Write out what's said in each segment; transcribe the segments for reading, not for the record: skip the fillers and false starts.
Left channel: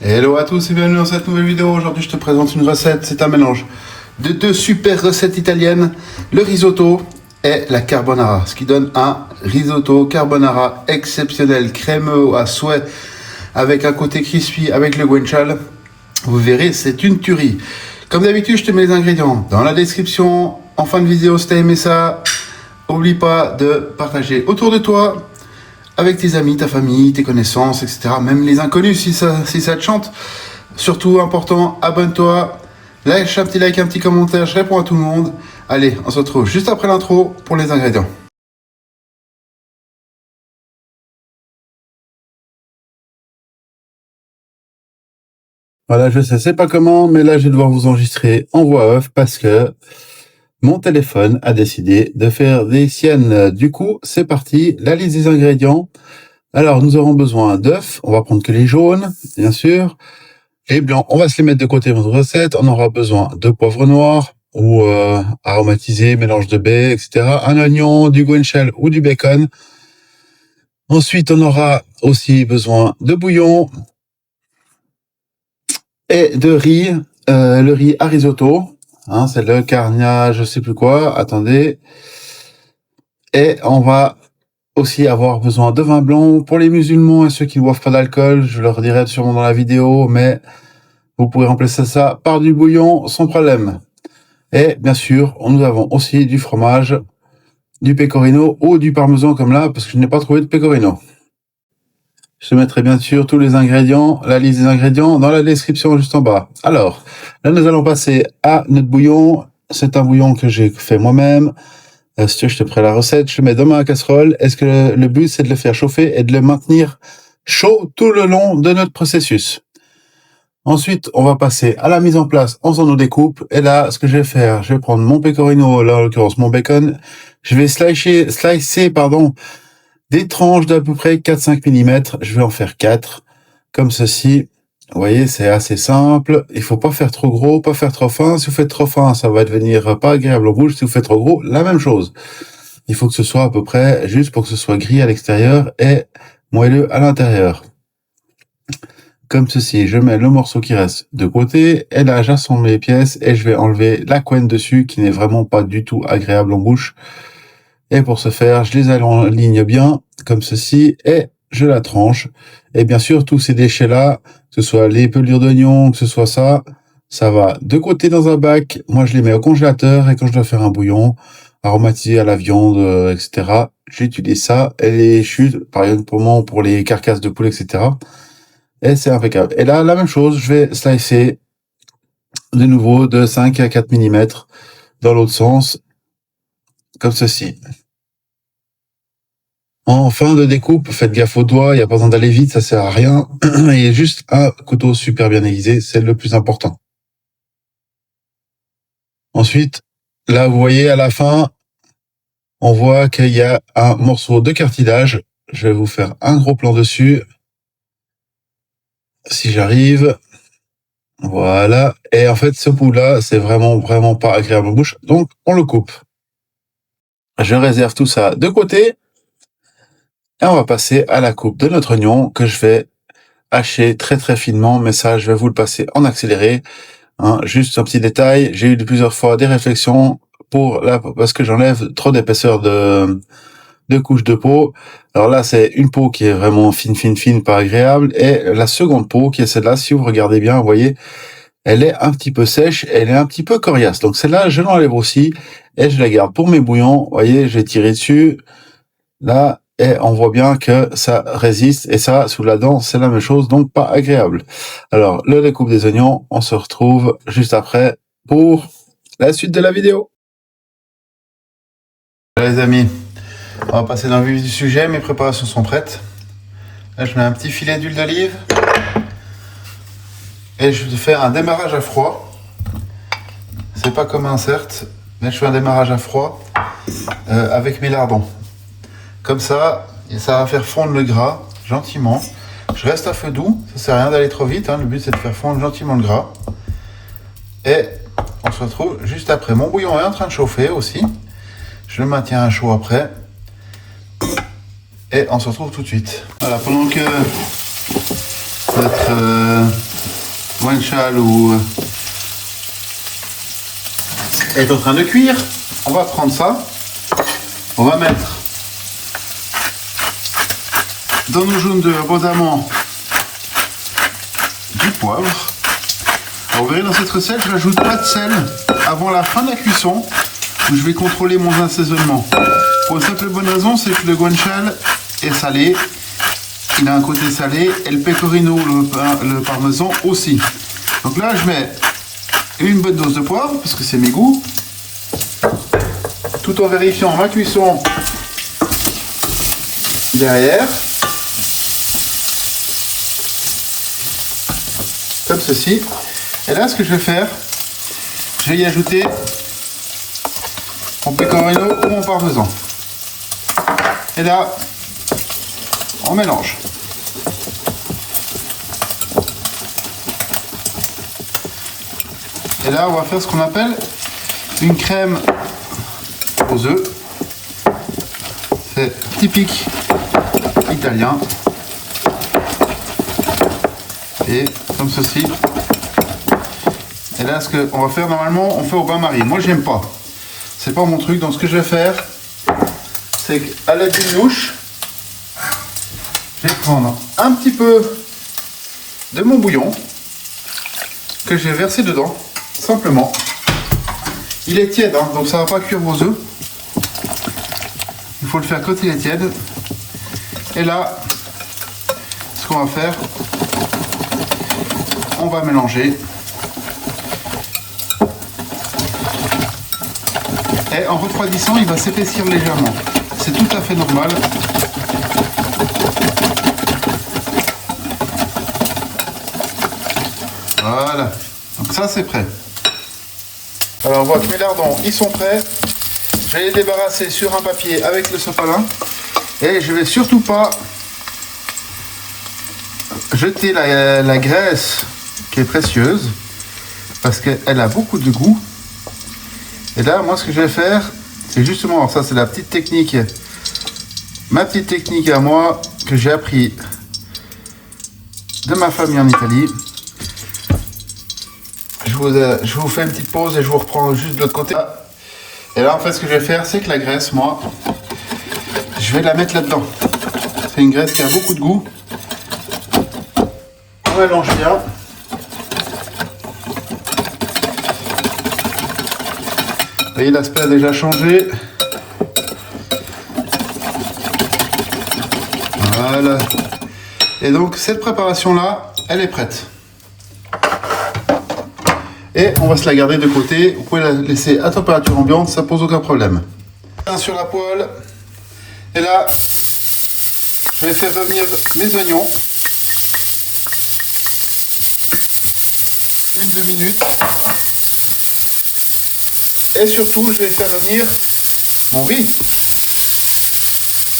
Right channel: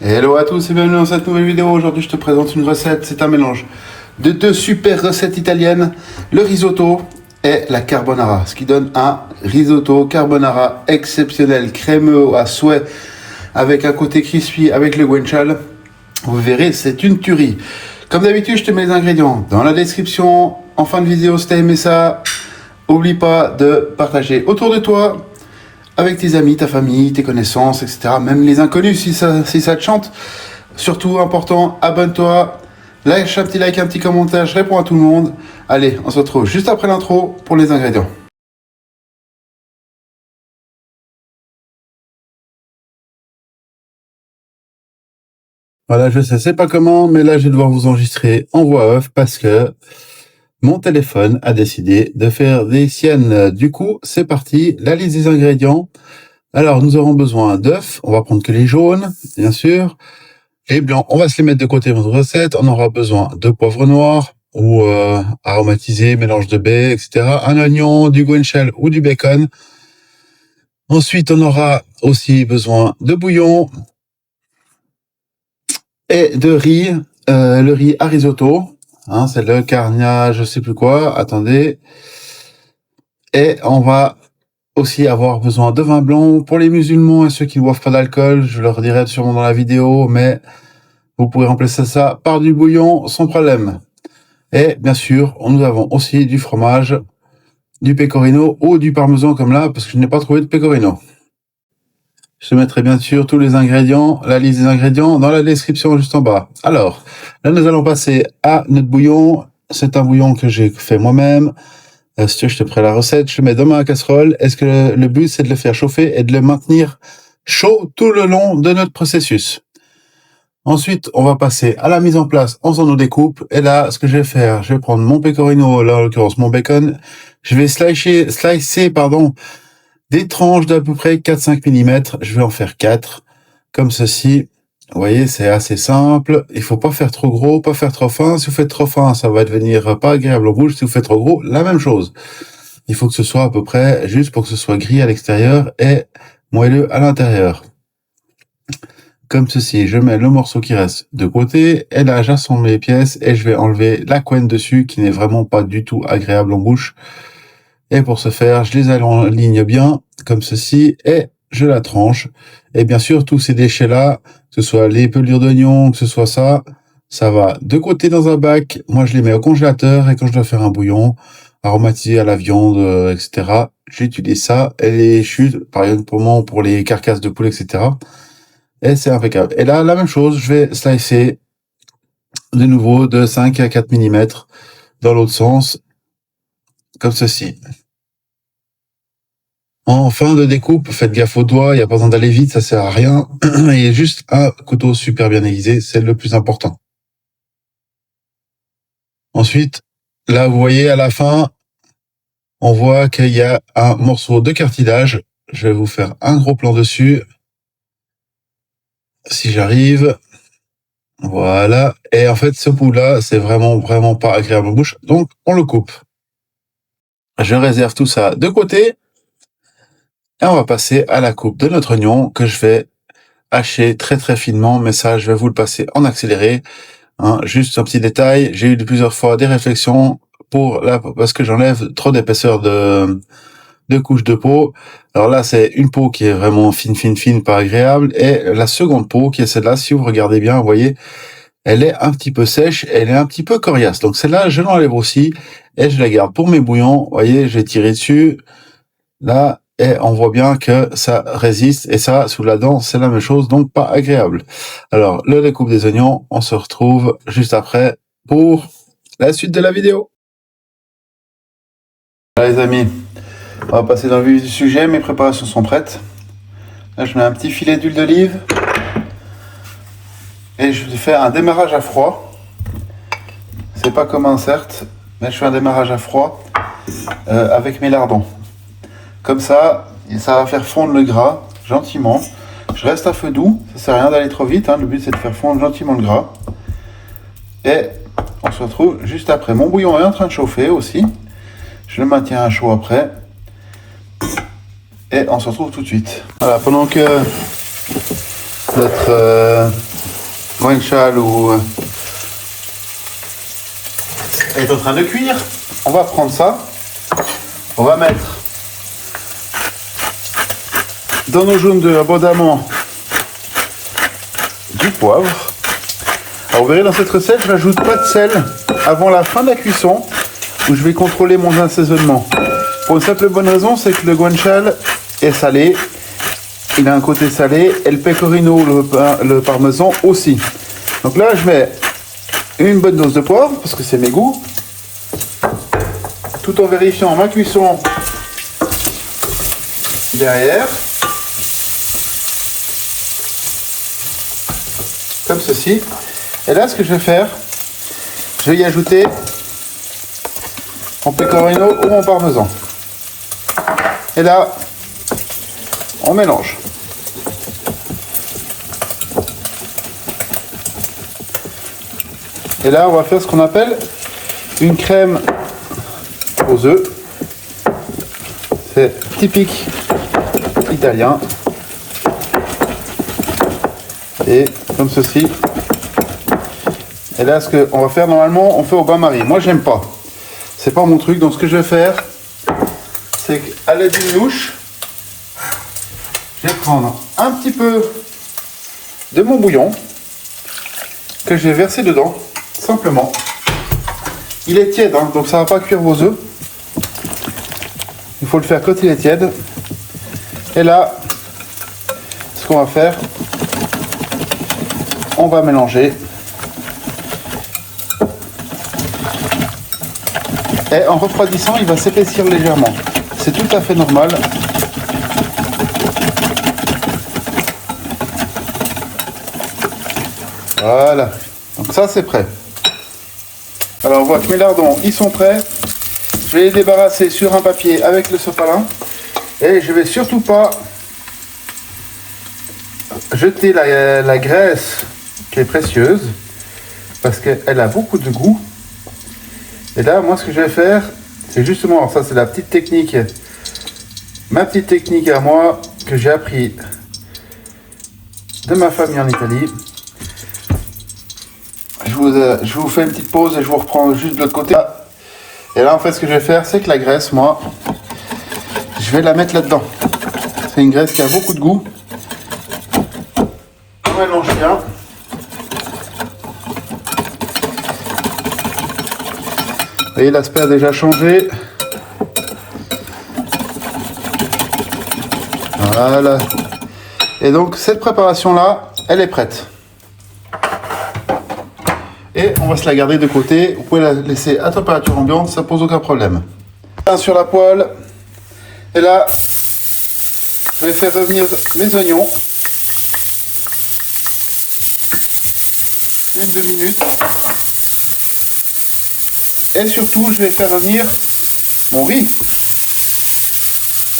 Hello à tous et bienvenue dans cette nouvelle vidéo. Aujourd'hui je te présente une recette, c'est un mélange de deux super recettes italiennes, le risotto et la carbonara, ce qui donne un risotto carbonara exceptionnel, crémeux à souhait, avec un côté crispy, avec le guanciale. Vous verrez, c'est une tuerie. Comme d'habitude, je te mets les ingrédients dans la description. En fin de vidéo, si tu as aimé ça, n'oublie pas de partager autour de toi, avec tes amis, ta famille, tes connaissances, etc. Même les inconnus, si ça te chante. Surtout, important, abonne-toi, lâche un petit like, un petit commentaire, je réponds à tout le monde. Allez, on se retrouve juste après l'intro pour les ingrédients. Voilà, je sais, c'est pas comment, mais là, je vais devoir vous enregistrer en voix off parce que mon téléphone a décidé de faire des siennes. Du coup, c'est parti, la liste des ingrédients. Alors, nous aurons besoin d'œufs, on va prendre que les jaunes, bien sûr. Les blancs, on va se les mettre de côté dans notre recette. On aura besoin de poivre noir ou aromatisé, mélange de baies, etc. Un oignon, du guanciale ou du bacon. Ensuite, on aura aussi besoin de bouillon et de riz, le riz à risotto. Hein, c'est le carnia, je sais plus quoi. Attendez. Et on va aussi avoir besoin de vin blanc pour les musulmans et ceux qui ne boivent pas d'alcool. Je leur dirai sûrement dans la vidéo, mais vous pouvez remplacer ça par du bouillon sans problème. Et bien sûr, nous avons aussi du fromage, du pecorino ou du parmesan comme là, parce que je n'ai pas trouvé de pecorino. Je te mettrai bien sûr tous les ingrédients, la liste des ingrédients dans la description juste en bas. Alors, là nous allons passer à notre bouillon. C'est un bouillon que j'ai fait moi-même. Si tu veux, je te ferai la recette. Je le mets dans ma casserole. Est-ce que le but c'est de le faire chauffer et de le maintenir chaud tout le long de notre processus. Ensuite, on va passer à la mise en place en faisant nos découpes. Et là, ce que je vais faire, je vais prendre mon pecorino, là en l'occurrence mon bacon. Je vais slicer, des tranches d'à peu près 4-5 mm. Je vais en faire 4, comme ceci. Vous voyez, c'est assez simple. Il faut pas faire trop gros, pas faire trop fin. Si vous faites trop fin, ça va devenir pas agréable au bouche. Si vous faites trop gros, la même chose. Il faut que ce soit à peu près juste pour que ce soit gris à l'extérieur et moelleux à l'intérieur. Comme ceci, je mets le morceau qui reste de côté, et là j'assemble les pièces et je vais enlever la couenne dessus qui n'est vraiment pas du tout agréable en bouche. Et pour ce faire, je les aligne bien, comme ceci, et je la tranche. Et bien sûr, tous ces déchets-là, que ce soit les pelures d'oignon, que ce soit ça va de côté dans un bac. Moi, je les mets au congélateur, et quand je dois faire un bouillon, aromatisé à la viande, etc., j'utilise ça, et les chutes, par exemple pour les carcasses de poulet, etc., et c'est impeccable. Et là, la même chose, je vais slicer de nouveau de 5 à 4 mm dans l'autre sens, comme ceci. En fin de découpe, faites gaffe aux doigts, il n'y a pas besoin d'aller vite, ça sert à rien. Il y a juste un couteau super bien aiguisé, c'est le plus important. Ensuite, là, vous voyez, à la fin, on voit qu'il y a un morceau de cartilage. Je vais vous faire un gros plan dessus. Si j'arrive. Voilà. Et en fait, ce bout-là, c'est vraiment pas agréable en bouche. Donc, on le coupe. Je réserve tout ça de côté. Et on va passer à la coupe de notre oignon que je vais hacher très finement. Mais ça, je vais vous le passer en accéléré. Hein, juste un petit détail. J'ai eu plusieurs fois des réflexions parce que j'enlève trop d'épaisseur de couches de peau. Alors là, c'est une peau qui est vraiment fine, pas agréable. Et la seconde peau, qui est celle-là, si vous regardez bien, vous voyez, elle est un petit peu sèche, elle est un petit peu coriace. Donc celle-là, je l'enlève aussi et je la garde pour mes bouillons. Vous voyez, j'ai tiré dessus, là, et on voit bien que ça résiste. Et ça, sous la dent, c'est la même chose, donc pas agréable. Alors, le découpe des oignons, on se retrouve juste après pour la suite de la vidéo. Là, les amis, on va passer dans le vif du sujet. Mes préparations sont prêtes. Là, je mets un petit filet d'huile d'olive. Et je vais faire un démarrage à froid. C'est pas commun certes, mais je fais un démarrage à froid avec mes lardons. Comme ça, ça va faire fondre le gras gentiment. Je reste à feu doux, ça sert à rien d'aller trop vite. Hein. Le but c'est de faire fondre gentiment le gras. Et on se retrouve juste après. Mon bouillon est en train de chauffer aussi. Je le maintiens à chaud après. Et on se retrouve tout de suite. Voilà, pendant que notre guanciale est en train de cuire. On va prendre ça. On va mettre dans nos jaunes d'œufs abondamment du poivre. Alors vous verrez dans cette recette, je n'ajoute pas de sel avant la fin de la cuisson où je vais contrôler mon assaisonnement. Pour une simple bonne raison, c'est que le guanciale est salé. Il a un côté salé et le pecorino, le parmesan aussi. Donc là, je mets une bonne dose de poivre parce que c'est mes goûts. Tout en vérifiant ma cuisson derrière. Comme ceci. Et là, ce que je vais faire, je vais y ajouter mon pecorino ou mon parmesan. Et là, on mélange. Et là, on va faire ce qu'on appelle une crème aux œufs. C'est typique italien. Et comme ceci. Et là, ce qu'on va faire normalement, on fait au bain-marie. Moi, j'aime pas. C'est pas mon truc. Donc, ce que je vais faire, c'est qu'à la diminuche, je vais prendre un petit peu de mon bouillon que je vais verser dedans, simplement. Il est tiède, hein, donc ça va pas cuire vos œufs. Il faut le faire quand il est tiède. Et là, ce qu'on va faire, on va mélanger. Et en refroidissant, il va s'épaissir légèrement. C'est tout à fait normal. Voilà. Donc ça, c'est prêt. Alors, voilà, mes lardons, ils sont prêts. Je vais les débarrasser sur un papier avec le sopalin. Et je vais surtout pas jeter la graisse qui est précieuse parce qu'elle a beaucoup de goût. Et là, moi, ce que je vais faire, c'est justement, alors ça c'est la petite technique, ma petite technique à moi, que j'ai appris de ma famille en Italie. Je vous fais une petite pause et je vous reprends juste de l'autre côté. Et là, en fait, ce que je vais faire, c'est que la graisse, moi, je vais la mettre là-dedans. C'est une graisse qui a beaucoup de goût. On mélange bien. Vous voyez, l'aspect a déjà changé. Voilà. Et donc, cette préparation-là, elle est prête. Et on va se la garder de côté. Vous pouvez la laisser à température ambiante, ça pose aucun problème. Sur la poêle. Et là, je vais faire revenir mes oignons. Une 2 minutes. Et surtout, je vais faire revenir mon riz.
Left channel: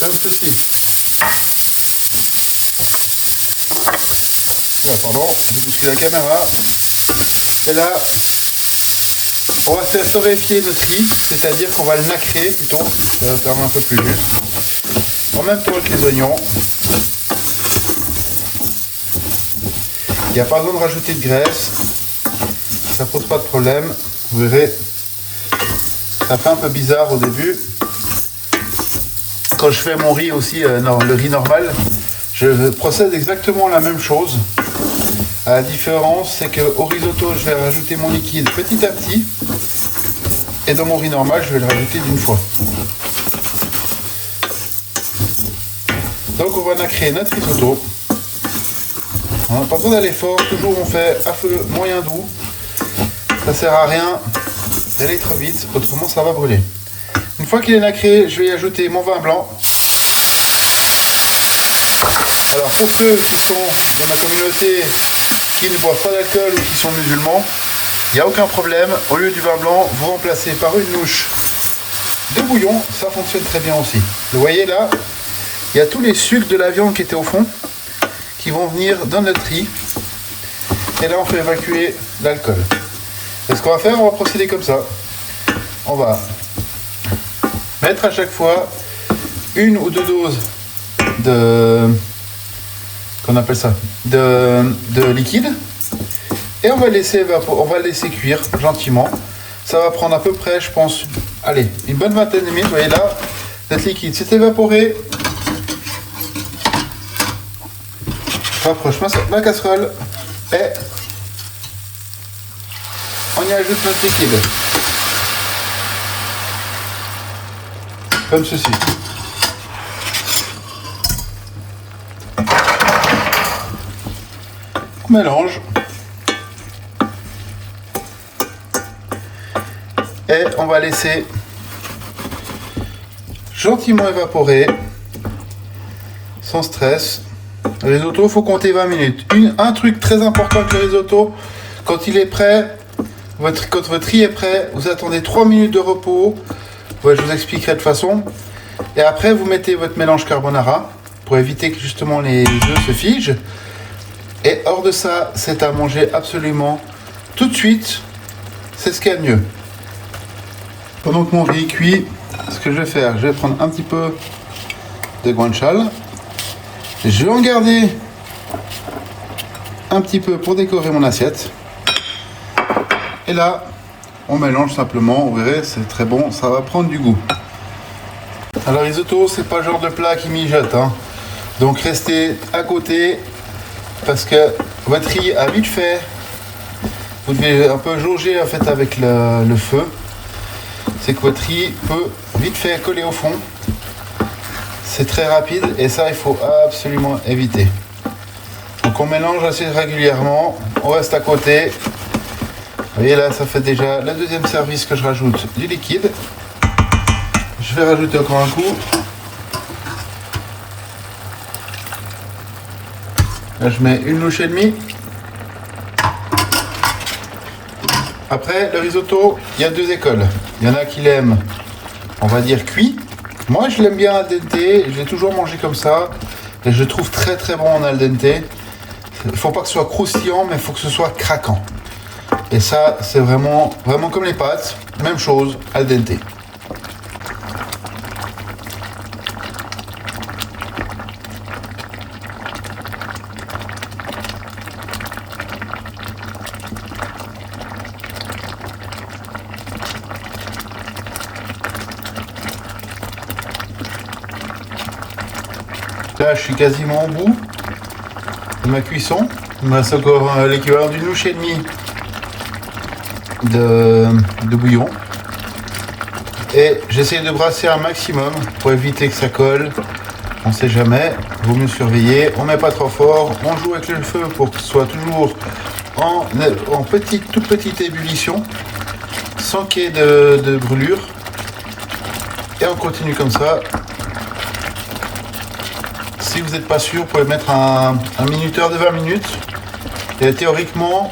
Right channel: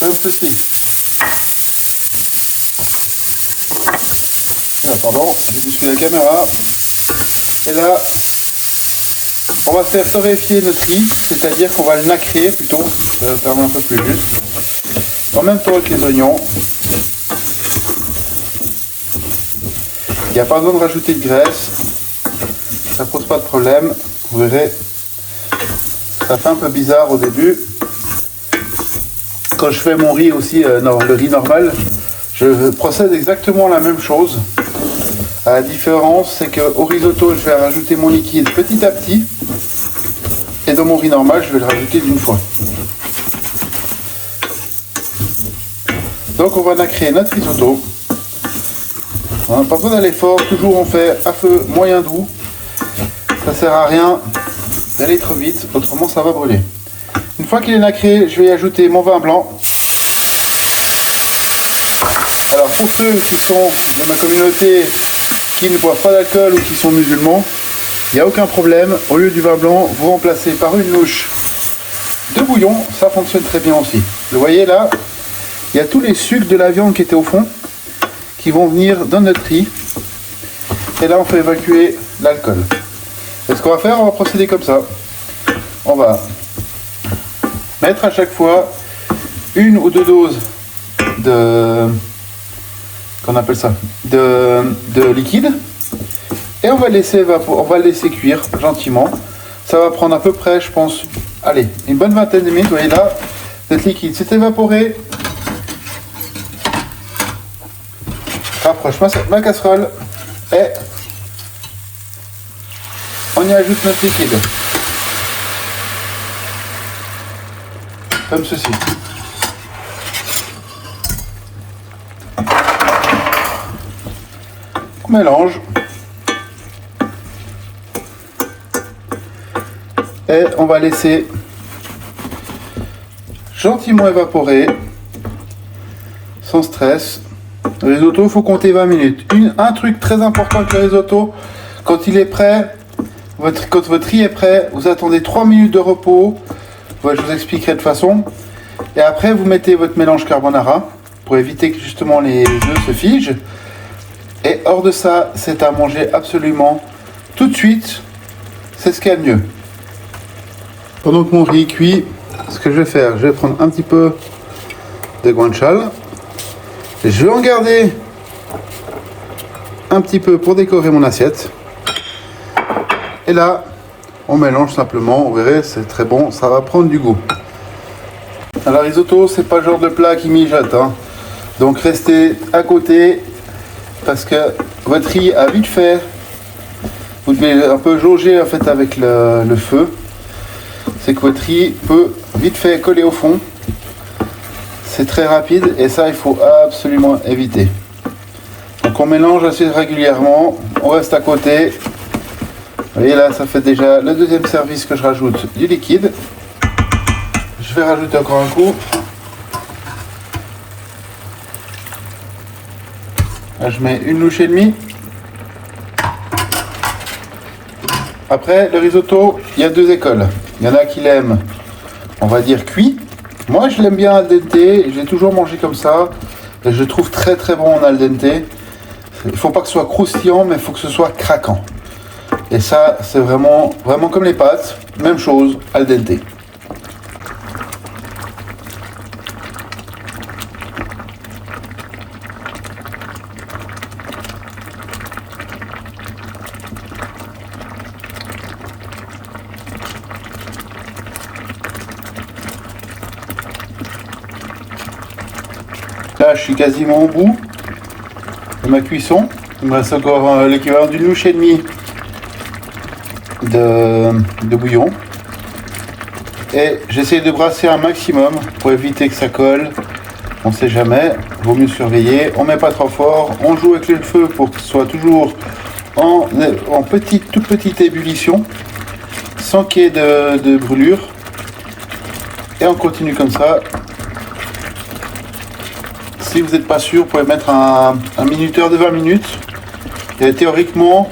Comme ceci. Pardon, j'ai bousculé la caméra. Et là, on va faire torréfier notre riz, c'est-à-dire qu'on va le nacrer plutôt, ça va faire un peu plus juste. En même temps avec les oignons. Il n'y a pas besoin de rajouter de graisse. Ça pose pas de problème. Vous verrez. Ça fait un peu bizarre au début. Quand je fais mon riz aussi, non, le riz normal, je procède exactement la même chose. La différence, c'est qu'au risotto, je vais rajouter mon liquide petit à petit. Et dans mon riz normal, je vais le rajouter d'une fois. Donc on va nacrer notre risotto. On n'a pas besoin d'aller fort, toujours on fait à feu moyen doux. Ça sert à rien d'aller trop vite, autrement ça va brûler. Une fois qu'il est nacré, je vais y ajouter mon vin blanc. Alors pour ceux qui sont dans ma communauté qui ne boivent pas d'alcool ou qui sont musulmans, il n'y a aucun problème. Au lieu du vin blanc, vous remplacez par une louche de bouillon, ça fonctionne très bien aussi. Vous voyez là, il y a tous les sucres de la viande qui étaient au fond, qui vont venir dans notre riz. Et là on fait évacuer l'alcool. Et ce qu'on va faire, on va procéder comme ça. On va mettre à chaque fois une ou deux doses de qu'on appelle ça, de liquide. Et on va laisser cuire gentiment. Ça va prendre à peu près, je pense, allez, une bonne vingtaine de minutes. Vous voyez là, notre liquide s'est évaporé. Rapproche ma casserole et on y ajoute notre liquide. Comme ceci. On mélange. Et on va laisser gentiment évaporer, sans stress. Le risotto, il faut compter 20 minutes. Un truc très important avec le risotto, quand il est prêt, quand votre riz est prêt, vous attendez 3 minutes de repos. Ouais, je vous expliquerai de toute façon. Et après, vous mettez votre mélange carbonara pour éviter que justement les œufs se figent. Et hors de ça, c'est à manger absolument tout de suite. C'est ce qu'il y a de mieux. Pendant que mon riz cuit, ce que je vais faire, je vais prendre un petit peu de guanciale. Je vais en garder un petit peu pour décorer mon assiette. Et là, on mélange simplement, vous verrez, c'est très bon, ça va prendre du goût. Alors risotto, c'est pas le genre de plat qui mijote, hein. Donc restez à côté parce que votre riz a vite fait. Vous devez un peu jauger en fait avec le feu. C'est que votre riz peut vite fait coller au fond. C'est très rapide et ça il faut absolument éviter. Donc on mélange assez régulièrement, on reste à côté. Vous voyez là, ça fait déjà le deuxième service que je rajoute du liquide. Je vais rajouter encore un coup. Là je mets une louche et demie. Après le risotto, il y a deux écoles. Il y en a qui l'aiment, on va dire cuit. Moi je l'aime bien al dente, je l'ai toujours mangé comme ça. Et je le trouve très très bon en al dente. Il ne faut pas que ce soit croustillant, mais il faut que ce soit craquant. Et ça, c'est vraiment comme les pâtes, même chose, al dente. Là, je suis quasiment au bout de ma cuisson. Il me reste encore l'équivalent d'une louche et demie de bouillon. Et j'essaie de brasser un maximum pour éviter que ça colle. On ne sait jamais, vaut mieux surveiller. On ne met pas trop fort, on joue avec le feu pour qu'il soit toujours en toute petite ébullition, sans qu'il y ait de brûlure. Et on continue comme ça. Si vous n'êtes pas sûr, vous pouvez mettre un minuteur de 20 minutes. Et théoriquement,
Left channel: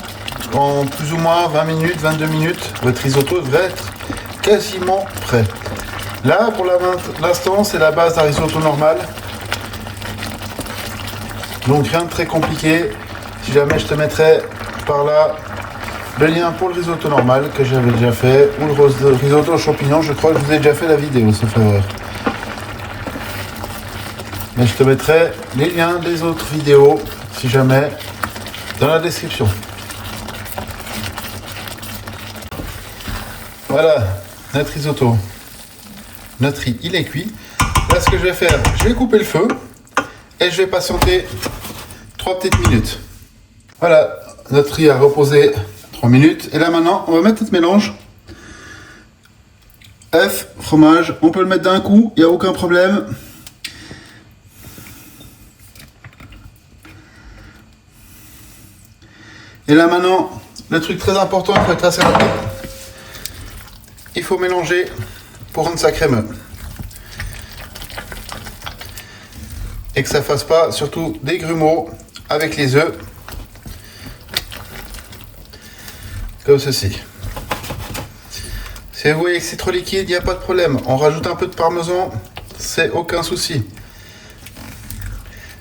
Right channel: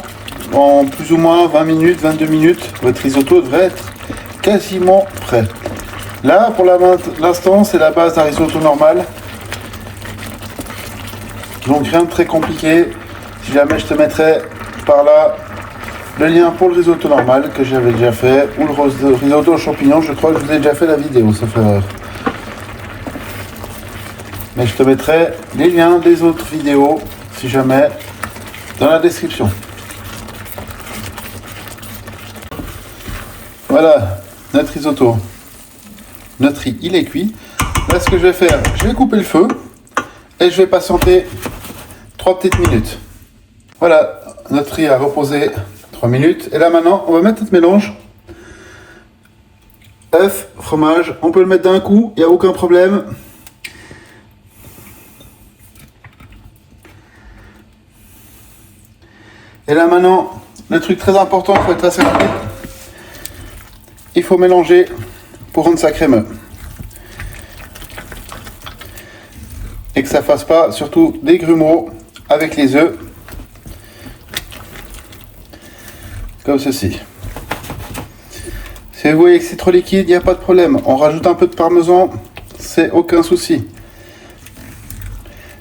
en plus ou moins 20 minutes, 22 minutes, votre risotto devrait être quasiment prêt. Là, pour l'instant, c'est la base d'un risotto normal. Donc rien de très compliqué. Si jamais je te mettrai par là le lien pour le risotto normal que j'avais déjà fait, ou le risotto aux champignons, je crois que je vous ai déjà fait la vidéo, sauf erreur. Mais je te mettrai les liens des autres vidéos, si jamais, dans la description. Voilà, notre risotto. Notre riz, il est cuit. Là, ce que je vais faire, je vais couper le feu et je vais patienter 3 petites minutes. Voilà, notre riz a reposé 3 minutes. Et là, maintenant, on va mettre notre mélange. Œuf, fromage, on peut le mettre d'un coup, il n'y a aucun problème. Et là maintenant, le truc très important, il faut être assez rapide. Il faut mélanger pour rendre ça crémeux. Et que ça ne fasse pas surtout des grumeaux avec les œufs. Comme ceci. Si vous voyez que c'est trop liquide, il n'y a pas de problème. On rajoute un peu de parmesan, c'est aucun souci.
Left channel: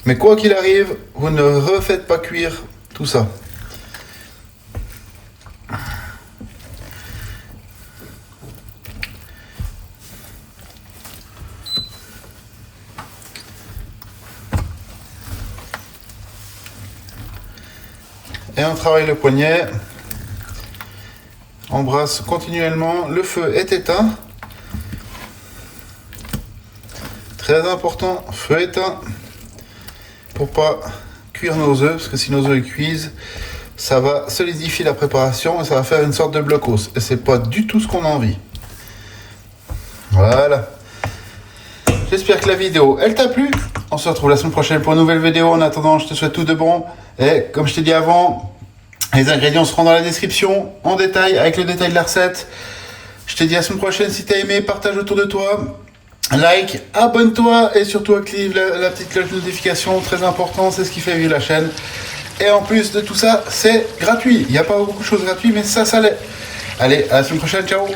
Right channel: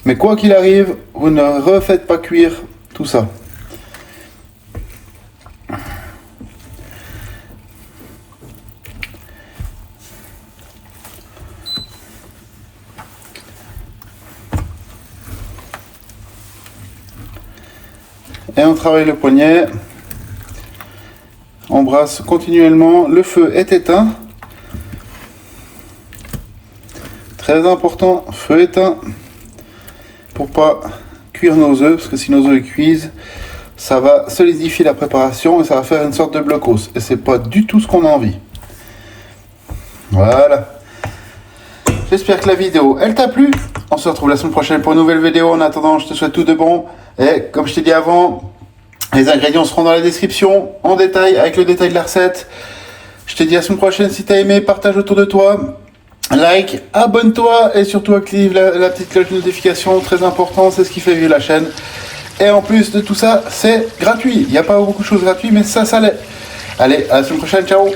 Mais quoi qu'il arrive, vous ne refaites pas cuire tout ça. travaille le poignet. On brasse continuellement. Le feu est éteint. Très important, feu éteint. Pour pas cuire nos œufs, parce que si nos œufs cuisent, ça va solidifier la préparation et ça va faire une sorte de blocos. Et c'est pas du tout ce qu'on a envie. Voilà. J'espère que la vidéo, elle t'a plu. On se retrouve la semaine prochaine pour une nouvelle vidéo. En attendant, je te souhaite tout de bon. Et comme je t'ai dit avant, les ingrédients seront dans la description, en détail, avec le détail de la recette. Je te dis à la semaine prochaine. Si t'as aimé, partage autour de toi. Like, abonne-toi et surtout active la petite cloche de notification. Très important, c'est ce qui fait vivre la chaîne. Et en plus de tout ça, c'est gratuit. Il n'y a pas beaucoup de choses gratuites, mais ça l'est. Allez, à la semaine prochaine. Ciao.